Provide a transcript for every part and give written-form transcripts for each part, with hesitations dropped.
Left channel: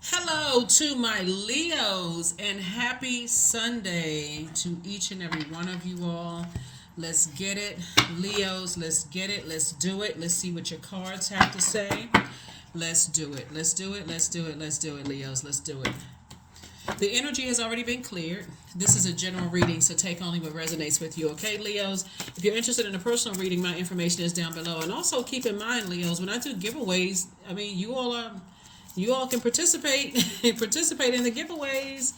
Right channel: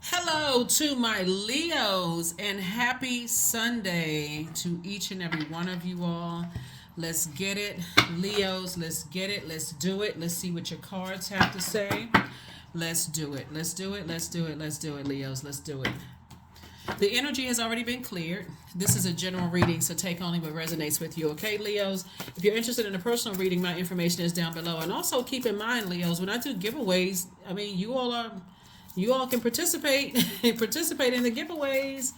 Hello to my Leos and happy Sunday to each and every one of you all. Let's get it, Leos. Let's get it. Let's do it. Let's see what your cards have to say. Let's do it. Let's do it. Let's do it. Let's do it, Leos. Let's do it. The energy has already been cleared. This is a general reading, so take only what resonates with you, okay, Leos? If you're interested in a personal reading, my information is down below. And also keep in mind, Leos, when I do giveaways, you all can participate participate in the giveaways.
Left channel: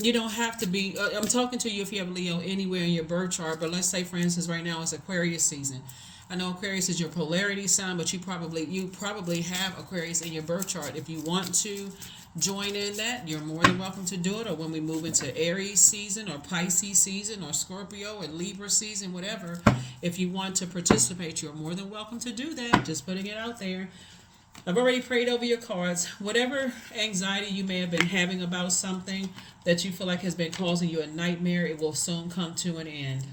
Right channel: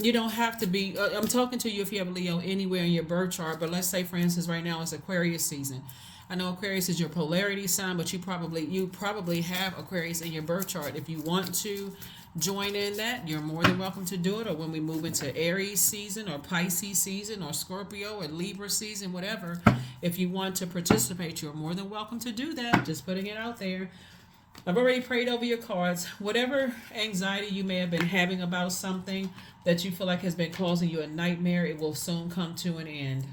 You don't have to be. I'm talking to you if you have a Leo anywhere in your birth chart. But let's say, for instance, right now it's Aquarius season. I know Aquarius is your polarity sign, but you probably have Aquarius in your birth chart. If you want to join in that, you're more than welcome to do it. Or when we move into Aries season, or Pisces season, or Scorpio, or Libra season, whatever. If you want to participate, you're more than welcome to do that. Just putting it out there. I've already prayed over your cards. Whatever anxiety you may have been having about something that you feel like has been causing you a nightmare, it will soon come to an end.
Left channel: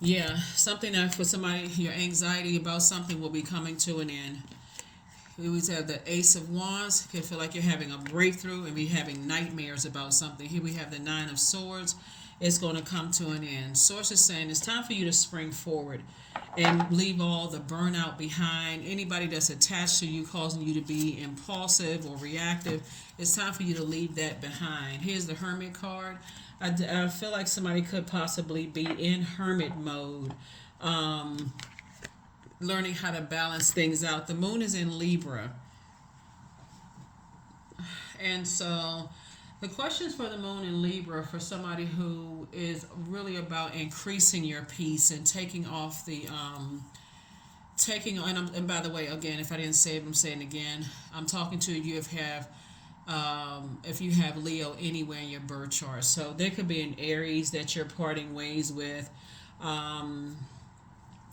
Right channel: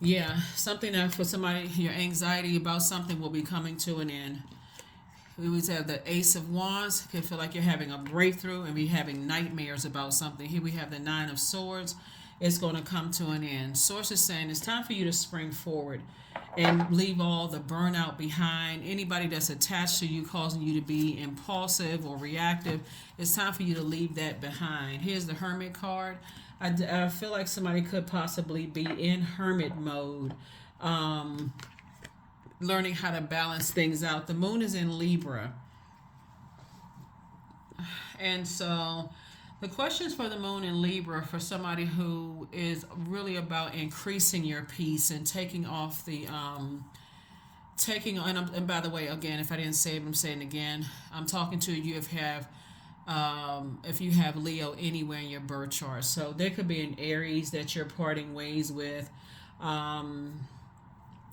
Yeah, something that for somebody, your anxiety about something will be coming to an end. We always have the Ace of Wands. It can feel like you're having a breakthrough and be having nightmares about something. Here we have the Nine of Swords. It's going to come to an end. Source is saying it's time for you to spring forward and leave all the burnout behind. Anybody that's attached to you, causing you to be impulsive or reactive, it's time for you to leave that behind. Here's the Hermit card. I feel like somebody could possibly be in hermit mode, learning how to balance things out. The moon is in Libra. And so the questions for the moon in Libra for somebody who is really about increasing your peace and taking off the taking on. And by the way, again, if I didn't say it, I'm saying it again. I'm talking to you if you have Leo anywhere in your birth chart. So there could be an Aries that you're parting ways with,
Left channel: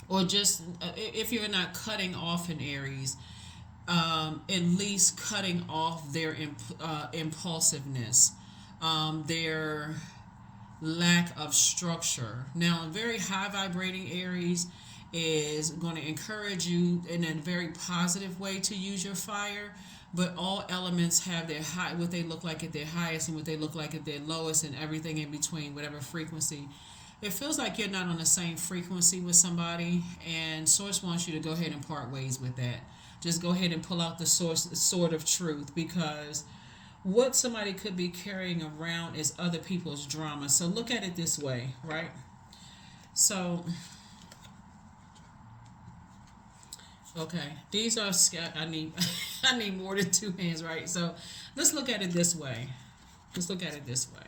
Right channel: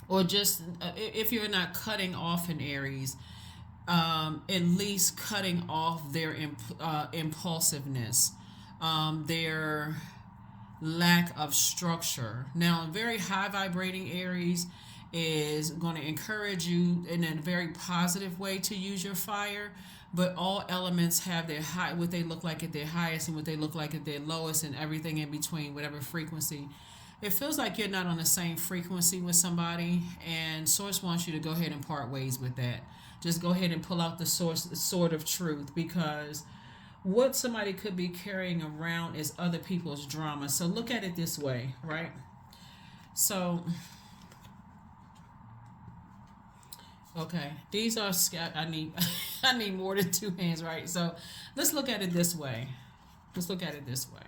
or just if you're not cutting off an Aries, at least cutting off their impulsiveness, their lack of structure. Now, a very high vibrating Aries is going to encourage you in a very positive way to use your fire, but all elements have their high, what they look like at their highest and what they look like at their lowest, and everything in between, whatever frequency. It feels like you're not on the same frequency with somebody, and Source wants you to go ahead and part ways with that. Just go ahead and pull out the sword of truth, because what somebody could be carrying around is other people's drama. So look at it this way, right? So, okay, these are I need I need more than two hands, right? So let's look at it this way. Let's look at it this way.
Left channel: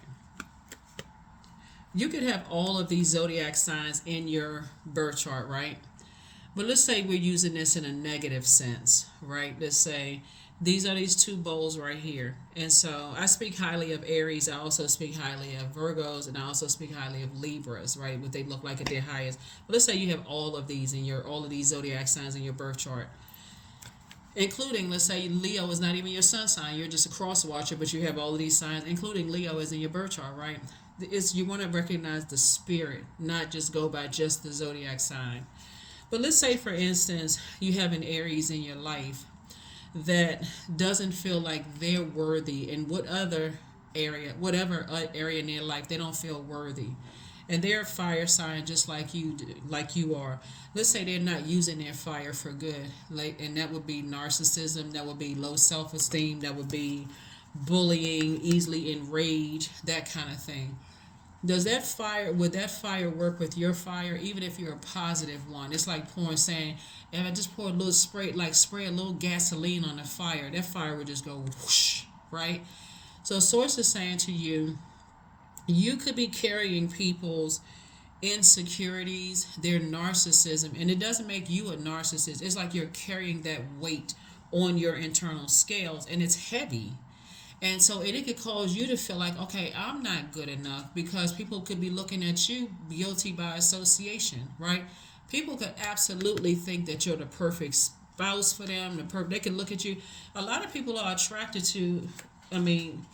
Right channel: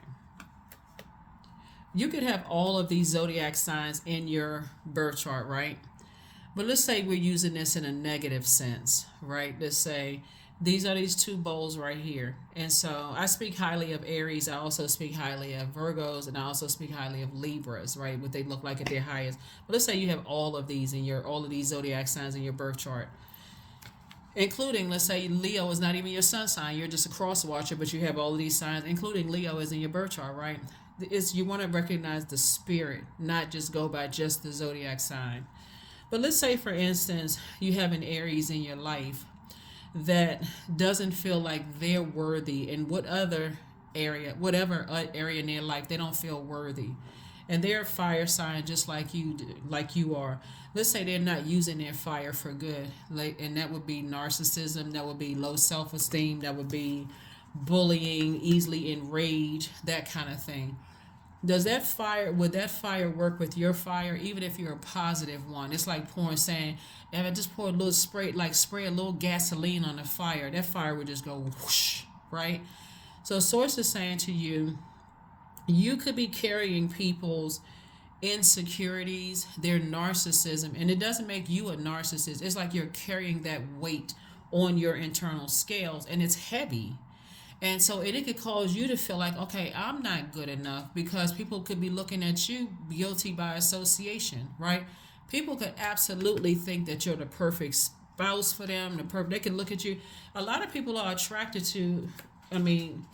You could have all of these zodiac signs in your birth chart, right? But let's say we're using this in a negative sense, right? Let's say these are these two bowls right here. And so I speak highly of Aries. I also speak highly of Virgos, and I also speak highly of Libras, right? What they look like at their highest. But let's say you have all of these all of these zodiac signs in your birth chart. Including, let's say Leo is not even your sun sign. You're just a cross watcher, but you have all of these signs, including Leo is in your birth chart, right? You want to recognize the spirit, not just go by just the zodiac sign. But let's say, for instance, you have an Aries in your life that doesn't feel like they're worthy in whatever area in their life, they don't feel worthy. And they're a fire sign just like you do, like you are. Let's say they're not using their fire for good. And that would be narcissism, that would be low self-esteem, that would be bullying, easily enraged, that kind of thing. Would that fire work with your fire, even if you're a positive one? It's like saying, if I just pour a little spray a little gasoline on the fire, that fire would just go whoosh, right? So Source is saying to you, you could be carrying people's insecurities, their narcissism, and it doesn't make you a narcissist. It's like you're carrying that weight on your internal scales, and it's heavy. And so it could cause you to feel like, okay, I'm not good enough, because people could be looking at you guilty by association, right? People could absolutely think that you're the perfect spouse for them. They can look at you. A lot of people are attracted to, I mean,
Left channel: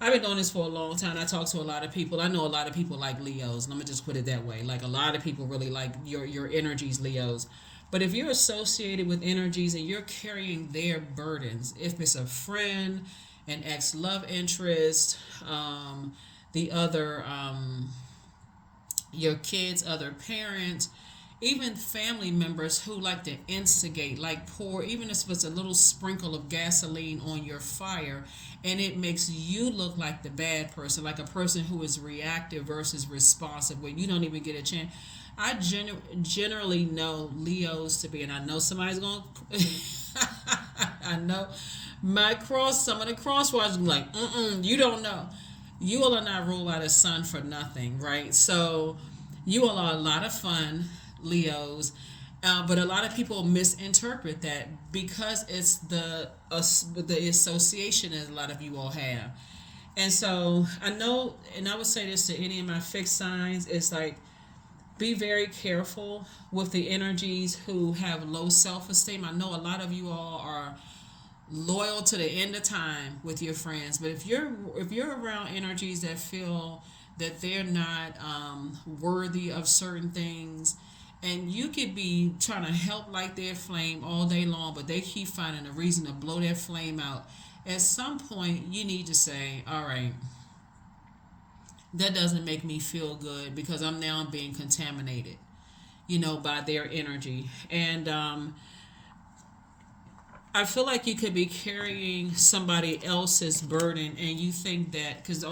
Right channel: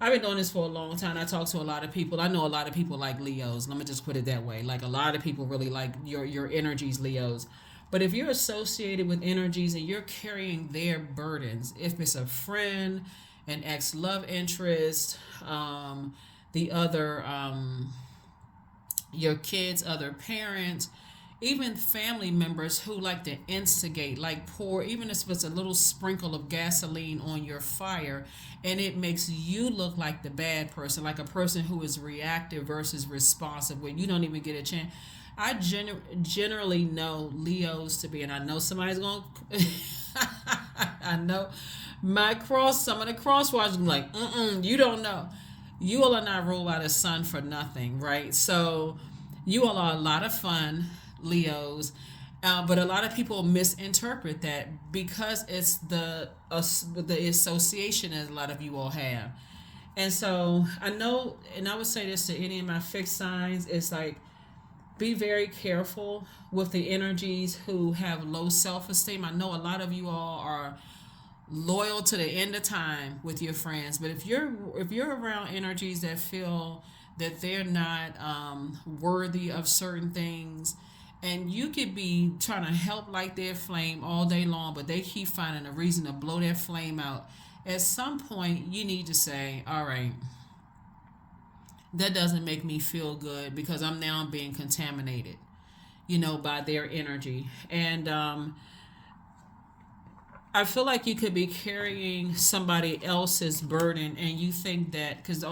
I've been doing this for a long time. I talk to a lot of people. I know a lot of people like Leos. Let me just put it that way. Like, a lot of people really like your energies, Leos. But if you're associated with energies and you're carrying their burdens, if it's a friend, an ex love interest, the other, your kids, other parents, even family members who like to instigate, like pour, even if it's a little sprinkle of gasoline on your fire, and it makes you look like the bad person, like a person who is reactive versus responsive, where you don't even get a chance. I generally know Leos to be, and I know somebody's going to, I know some of the cross watchers be like, you don't know. You all are not ruled by the sun for nothing, right? So you all are a lot of fun, Leos. But a lot of people misinterpret that because it's the association that a lot of you all have. And so I know, and I would say this to any of my fixed signs, it's like, be very careful with the energies who have low self-esteem. I know a lot of you all are loyal to the end of time with your friends, but if you're around energies that feel that they're not worthy of certain things, and you could be trying to help light their flame all day long, but they keep finding a reason to blow their flame out, at some point you need to say, all right, that doesn't make me feel good because I'm now being contaminated, by their energy. And I feel like you could be carrying somebody else's burden, and you think that because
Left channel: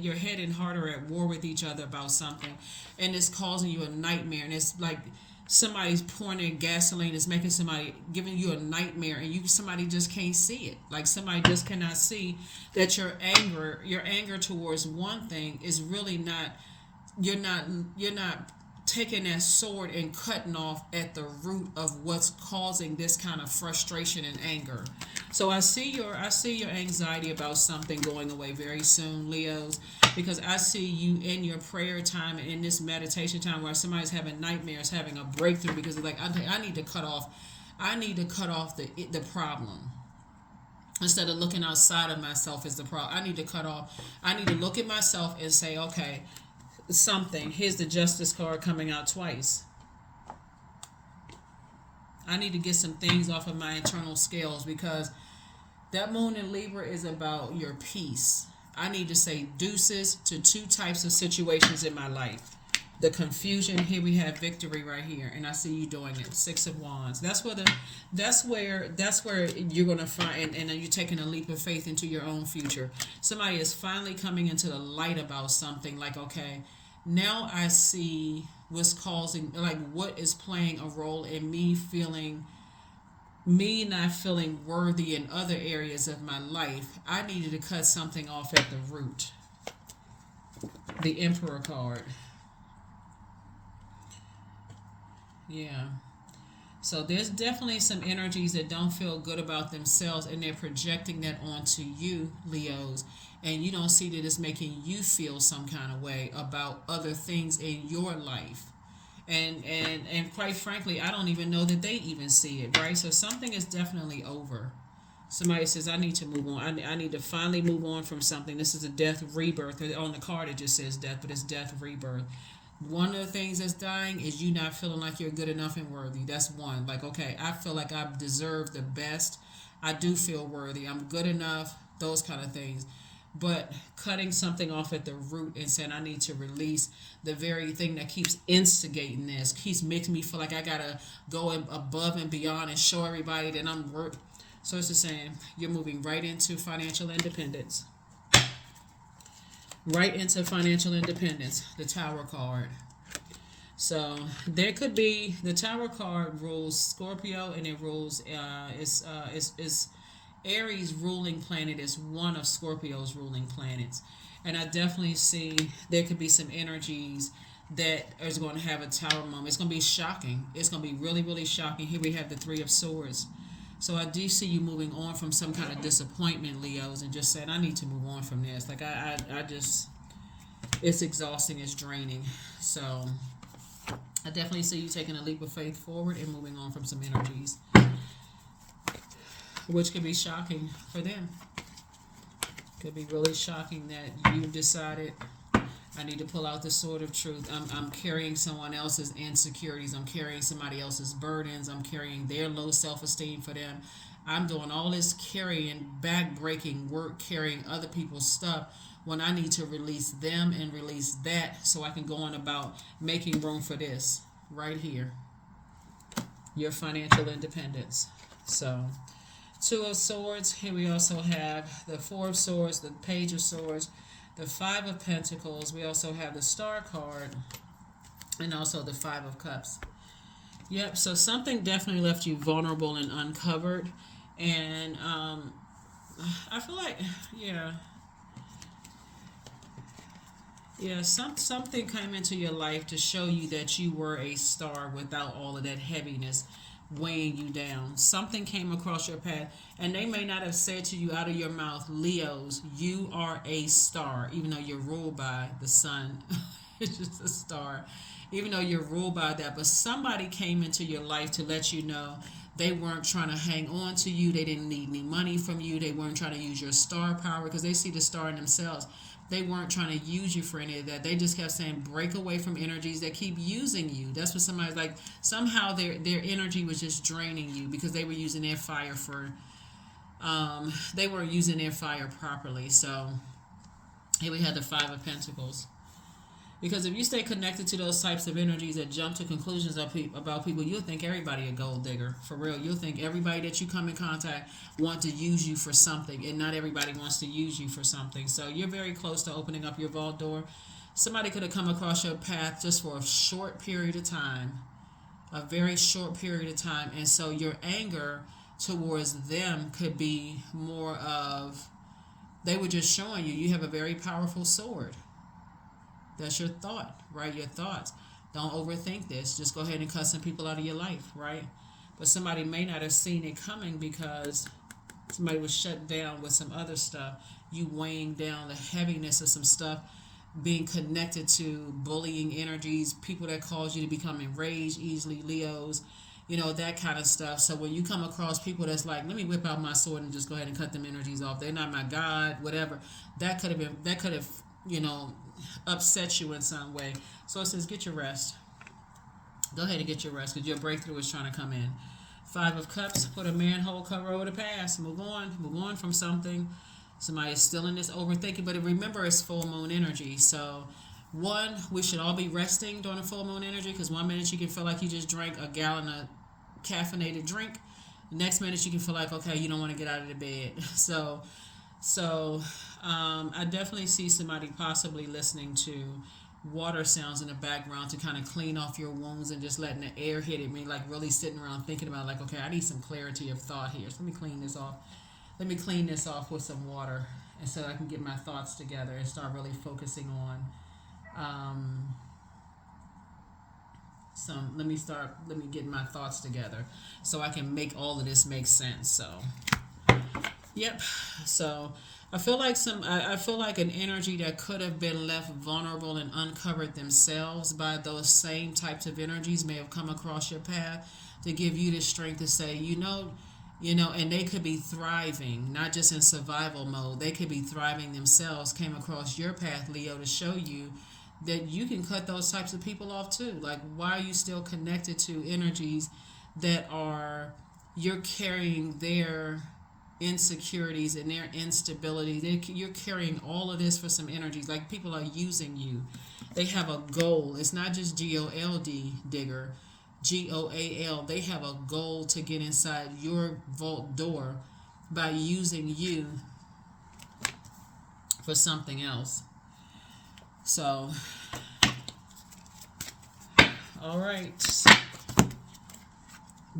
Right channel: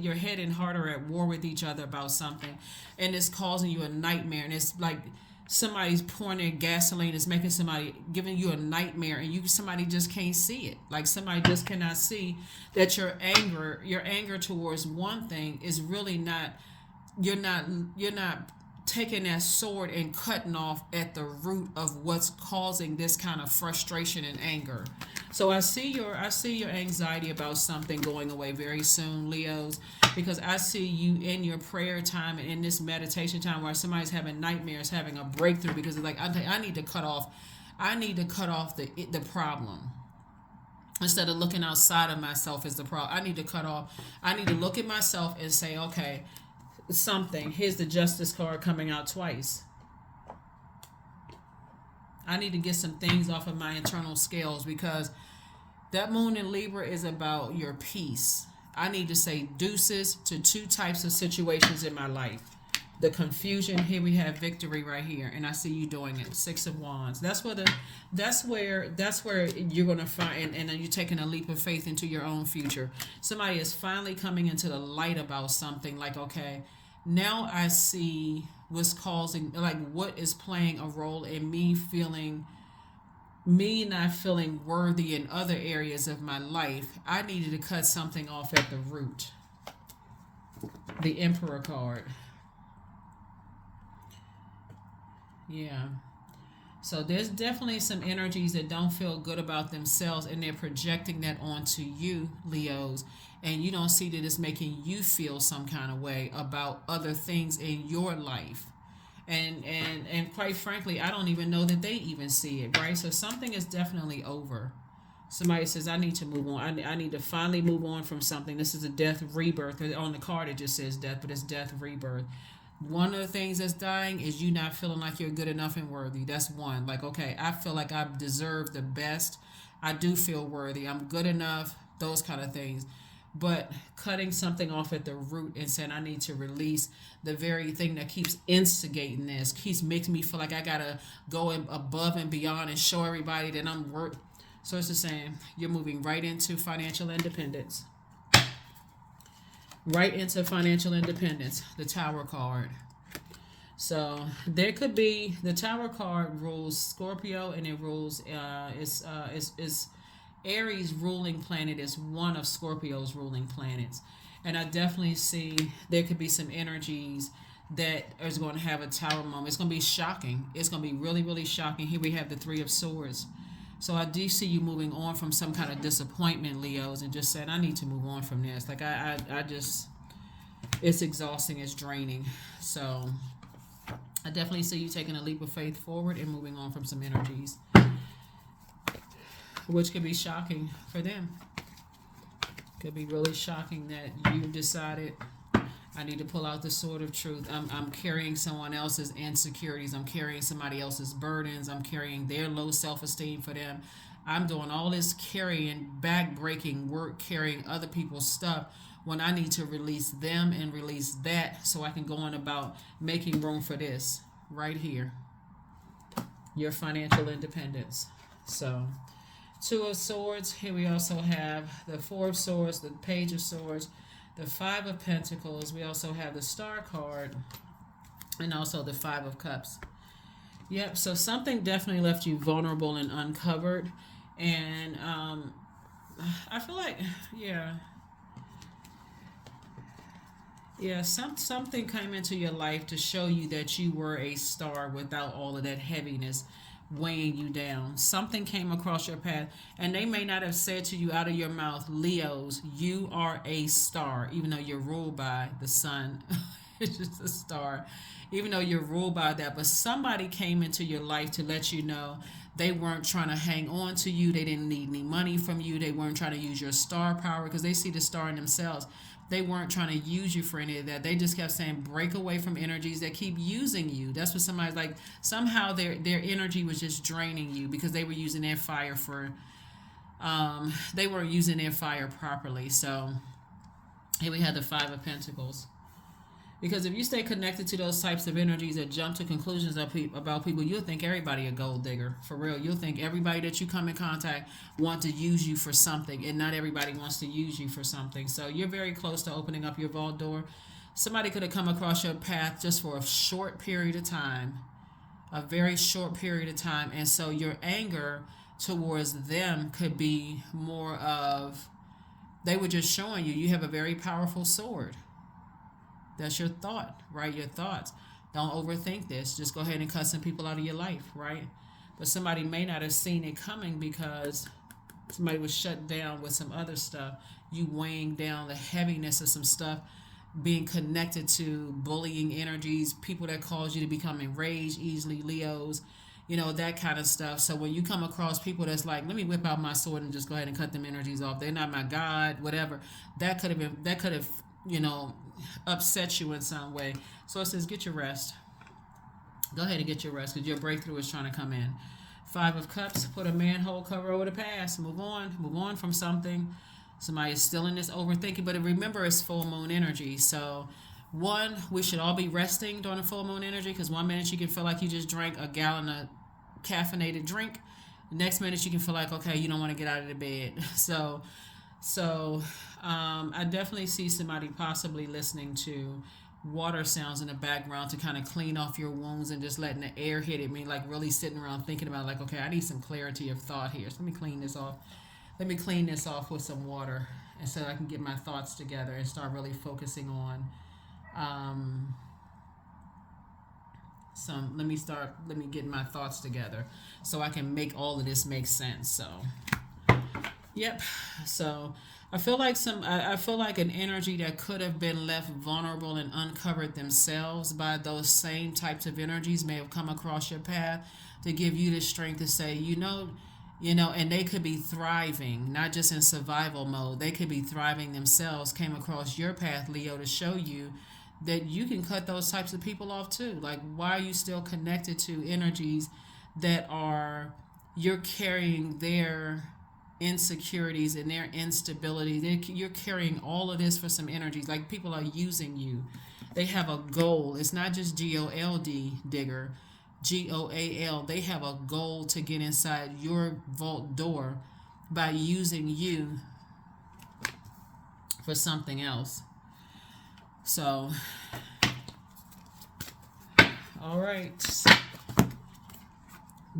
your head and heart are at war with each other about something, and it's causing you a nightmare, and it's like somebody's pouring in gasoline, is making somebody giving you a nightmare, and somebody just can't see it. Like somebody just cannot see that your anger towards one thing is really not. You're not taking that sword and cutting off at the root of what's causing this kind of frustration and anger. So I see your anxiety about something going away very soon, Leos, because I see you in your prayer time and in this meditation time where somebody's having nightmares, having a breakthrough because they're like, I need to cut off the problem. Instead of looking outside of myself as the problem, I need to look at myself and say, okay, here's the justice card coming out twice. I need to get some things off of my internal scales because that moon in Libra is about your peace. I need to say deuces to two types of situations in my life. The confusion, here we have victory right here, and I see you doing it. 6 of Wands. That's where you're gonna find, and then you're taking a leap of faith into your own future. Somebody is finally coming into the light about something. Like, okay, now I see what's causing, like, what is playing a role in me not feeling worthy in other areas of my life. I needed to cut something off at the root. The Emperor card. Yeah. So there's definitely some energies that don't feel good about themselves, and they're projecting that onto you, Leos, and you don't see that it's making you feel some kind of way about other things in your life. And quite frankly, I don't even know that they even see it, right? So something is definitely over. Somebody says, I need to move on. I need to finally move on from something. This is a death rebirth. On the card, it just says death, but it's death rebirth. One of the things that's dying is you not feeling like you're good enough and worthy. That's one. Like, okay, I feel like I deserve the best. I do feel worthy. I'm good enough. Those kind of things. But cutting something off at the root and saying I need to release the very thing that keeps instigating this, keeps making me feel like I gotta go above and beyond and show everybody that I'm worth. So it's just saying you're moving right into financial independence. Right into financial independence. The Tower card. So there could be, the Tower card rules Scorpio, and it rules is Aries ruling planet is one of Scorpio's ruling planets. And I definitely see there could be some energies that is going to have a Tower moment. It's going to be shocking. It's going to be really, really shocking. Here we have the Three of Swords. So I do see you moving on from some kind of disappointment, Leos, and just said, I need to move on from this. Like, I just, it's exhausting, it's draining. So I definitely see you taking a leap of faith forward and moving on from some energies, which could be shocking for them. Could be really shocking that you decided I need to pull out the sword of truth. I'm carrying someone else's insecurities. I'm carrying somebody else's burdens. I'm carrying their low self esteem for them. I'm doing all this carrying, back breaking work, carrying other people's stuff when I need to release them and release that so I can go on about making room for this right here, your financial independence. So, Two of Swords. Here we also have the Four of Swords, the Page of Swords, the Five of Pentacles. We also have the Star card and also the Five of Cups. Yep, so something definitely left you vulnerable and uncovered. And I feel like, something came into your life to show you that you were a star without all of that heaviness weighing you down. Something came across your path, and they may not have said to you out of your mouth, Leos, you are a star, even though you're ruled by the sun. It's just a star, even though you're ruled by that. But somebody came into your life to let you know they weren't trying to hang on to you. They didn't need any money from you. They weren't trying to use your star power because they see the star in themselves. They weren't trying to use you for any of that. They just kept saying, break away from energies that keep using you. That's what somebody's like. Somehow their energy was just draining you because they were using their fire for, they weren't using their fire properly. So here we had the Five of Pentacles. Because if you stay connected to those types of energies that jump to conclusions about people, you'll think everybody a gold digger. For real. You'll think everybody that you come in contact want to use you for something, and not everybody wants to use you for something. So you're very close to opening up your vault door. Somebody could have come across your path just for a short period of time, a very short period of time. And so your anger towards them could be more of, they were just showing you have a very powerful sword. That's your thought, right? Your thoughts. Don't overthink this. Just go ahead and cut some people out of your life, right? But somebody may not have seen it coming because somebody was shut down with some other stuff. You weighing down the heaviness of some stuff, being connected to bullying energies, people that cause you to become enraged easily, Leos, that kind of stuff. So when you come across people that's like, let me whip out my sword and just go ahead and cut them energies off. They're not my God, whatever. That could have, upset you in some way. So it says, get your rest. Go ahead and get your rest because your breakthrough is trying to come in. Five of Cups, put a manhole cover over the past. Move on from something. Somebody is still in this overthinking, but remember it's full moon energy. So one, we should all be resting during the full moon energy because one minute you can feel like you just drank a gallon of caffeinated drink. The next minute you can feel like, okay, you don't want to get out of the bed. So I definitely see somebody possibly listening to water sounds in the background to kind of clean off your wounds and just letting the air hit it. Me like really sitting around thinking about like, okay, I need some clarity of thought here. So let me clean this off. Let me clean this off with some water and so I can get my thoughts together and start really focusing on let me get my thoughts together so I can make all of this make sense. So yep. So I feel like an energy that could have been left vulnerable and uncovered themselves by those same types of energies may have come across your path to give you the strength to say, and they could be thriving, not just in survival mode. They could be thriving themselves, came across your path, Leo, to show you that you can cut those types of people off too. Like, why are you still connected to energies that you're carrying their insecurities and their instability? You're carrying all of this for some energies. Like, people are using you. They have a goal. It's not just GOLD, digger, GOAL. They have a goal to get inside your vault door by using you for something else. So, all right.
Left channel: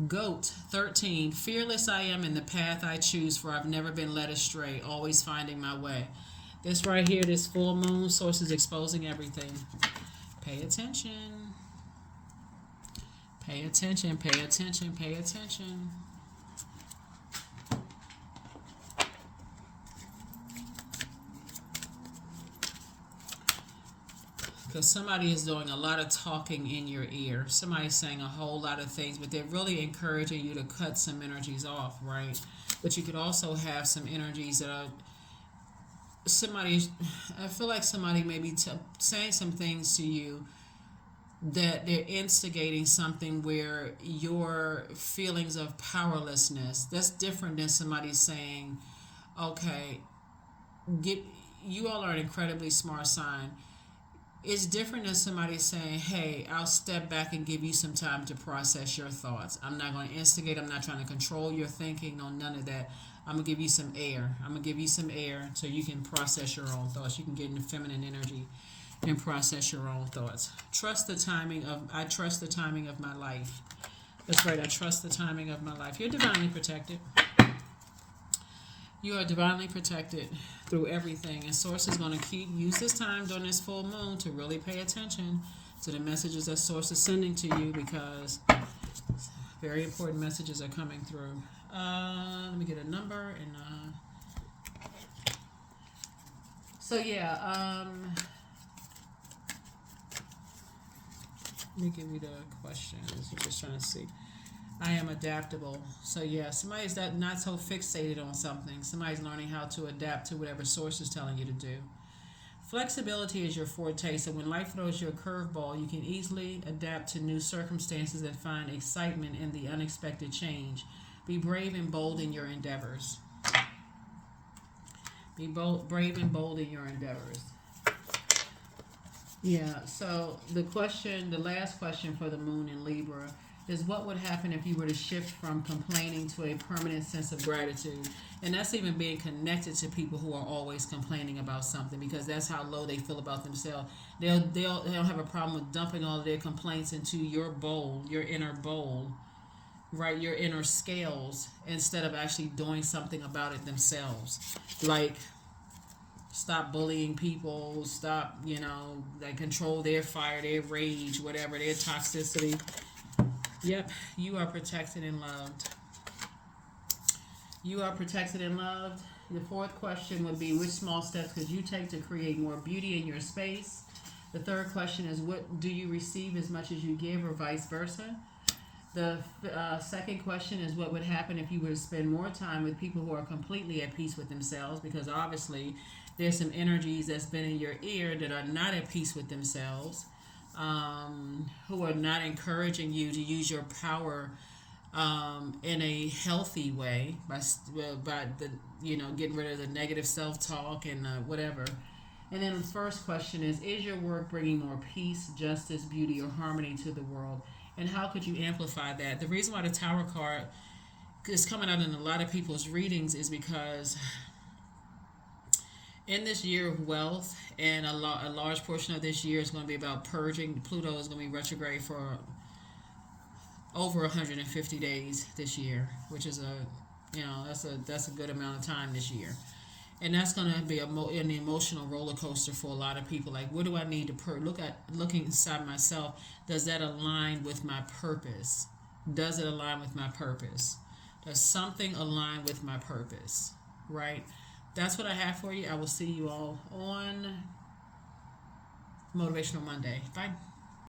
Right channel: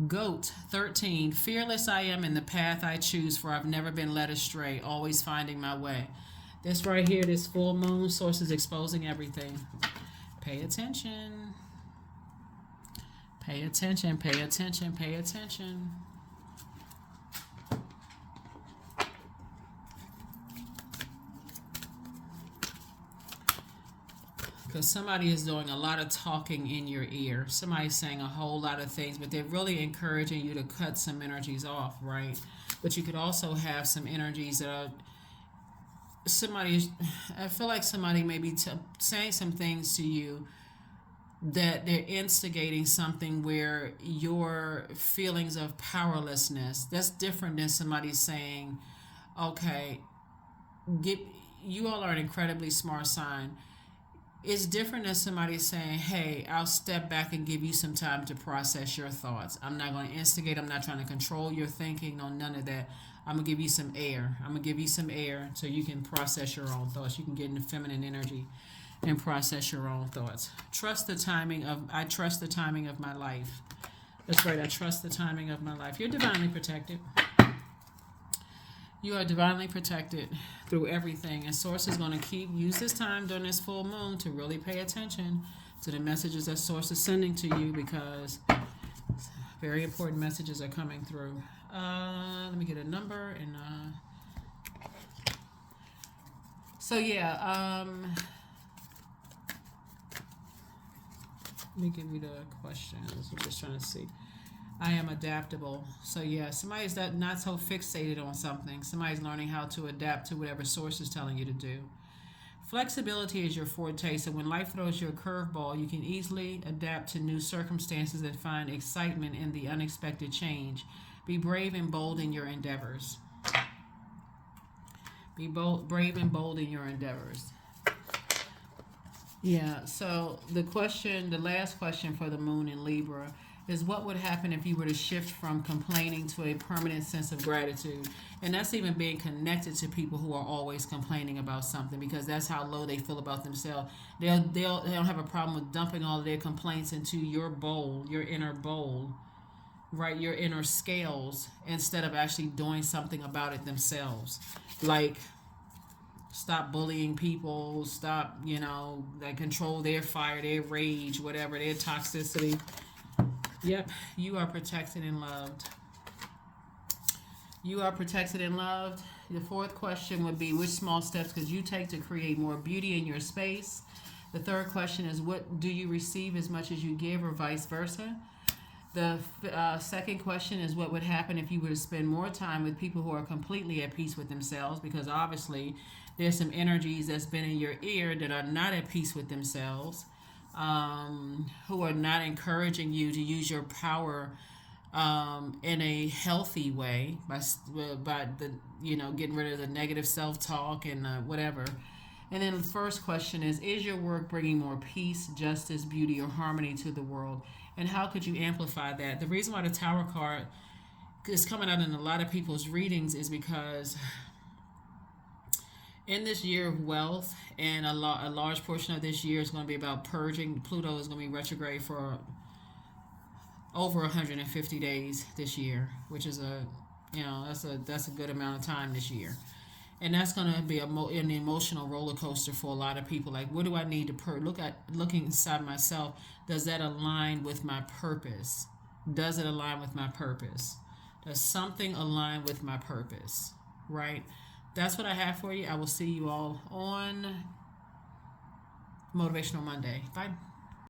Goat 13. Fearless I am in the path I choose, for I've never been led astray, always finding my way. This right here, this full moon source is exposing everything. Pay attention. Pay attention, pay attention, pay attention. Because somebody is doing a lot of talking in your ear. Somebody's saying a whole lot of things, but they're really encouraging you to cut some energies off, right? But you could also have some energies that are somebody, I feel like somebody may be saying some things to you that they're instigating something where your feelings of powerlessness, that's different than somebody saying, okay, get, you all are an incredibly smart sign. It's different than somebody saying, hey, I'll step back and give you some time to process your thoughts. I'm not going to instigate. I'm not trying to control your thinking. No, none of that. I'm going to give you some air. I'm going to give you some air so you can process your own thoughts. You can get into feminine energy and process your own thoughts. I trust the timing of my life. That's right. I trust the timing of my life. You're divinely protected. You are divinely protected through everything, and Source is going to use this time during this full moon to really pay attention to the messages that Source is sending to you, because very important messages are coming through. Let me get a number and so yeah. Let me give you the questions. I'm just trying to see. I am adaptable. So yeah, somebody's not so fixated on something. Somebody's learning how to adapt to whatever Source is telling you to do. Flexibility is your forte. So when life throws you a curveball, you can easily adapt to new circumstances and find excitement in the unexpected change. Be brave and bold in your endeavors. Be brave and bold in your endeavors. Yeah, so the last question for the moon in Libra is, what would happen if you were to shift from complaining to a permanent sense of gratitude? And that's even being connected to people who are always complaining about something, because that's how low they feel about themselves. They'll have a problem with dumping all of their complaints into your bowl, your inner bowl, right? Your inner scales, instead of actually doing something about it themselves. Like, stop bullying people, stop, like, control their fire, their rage, whatever, their toxicity. Yep, you are protected and loved. You are protected and loved. The fourth question would be, which small steps could you take to create more beauty in your space? The third question is, what do you receive as much as you give, or vice versa? The second question is, what would happen if you were to spend more time with people who are completely at peace with themselves? Because obviously there's some energies that's been in your ear that are not at peace with themselves. Who are not encouraging you to use your power in a healthy way by the getting rid of the negative self-talk and whatever. And then the first question is your work bringing more peace, justice, beauty, or harmony to the world? And how could you amplify that? The reason why the Tower card is coming out in a lot of people's readings is because in this year of wealth, and a large portion of this year is going to be about purging. Pluto is going to be retrograde for over 150 days this year, which is that's a good amount of time this year, and that's going to be an emotional roller coaster for a lot of people. Like, what do I need to looking inside myself? Does that align with my purpose? Does it align with my purpose? Does something align with my purpose? Right? That's what I have for you. I will see you all on Motivational Monday. Bye.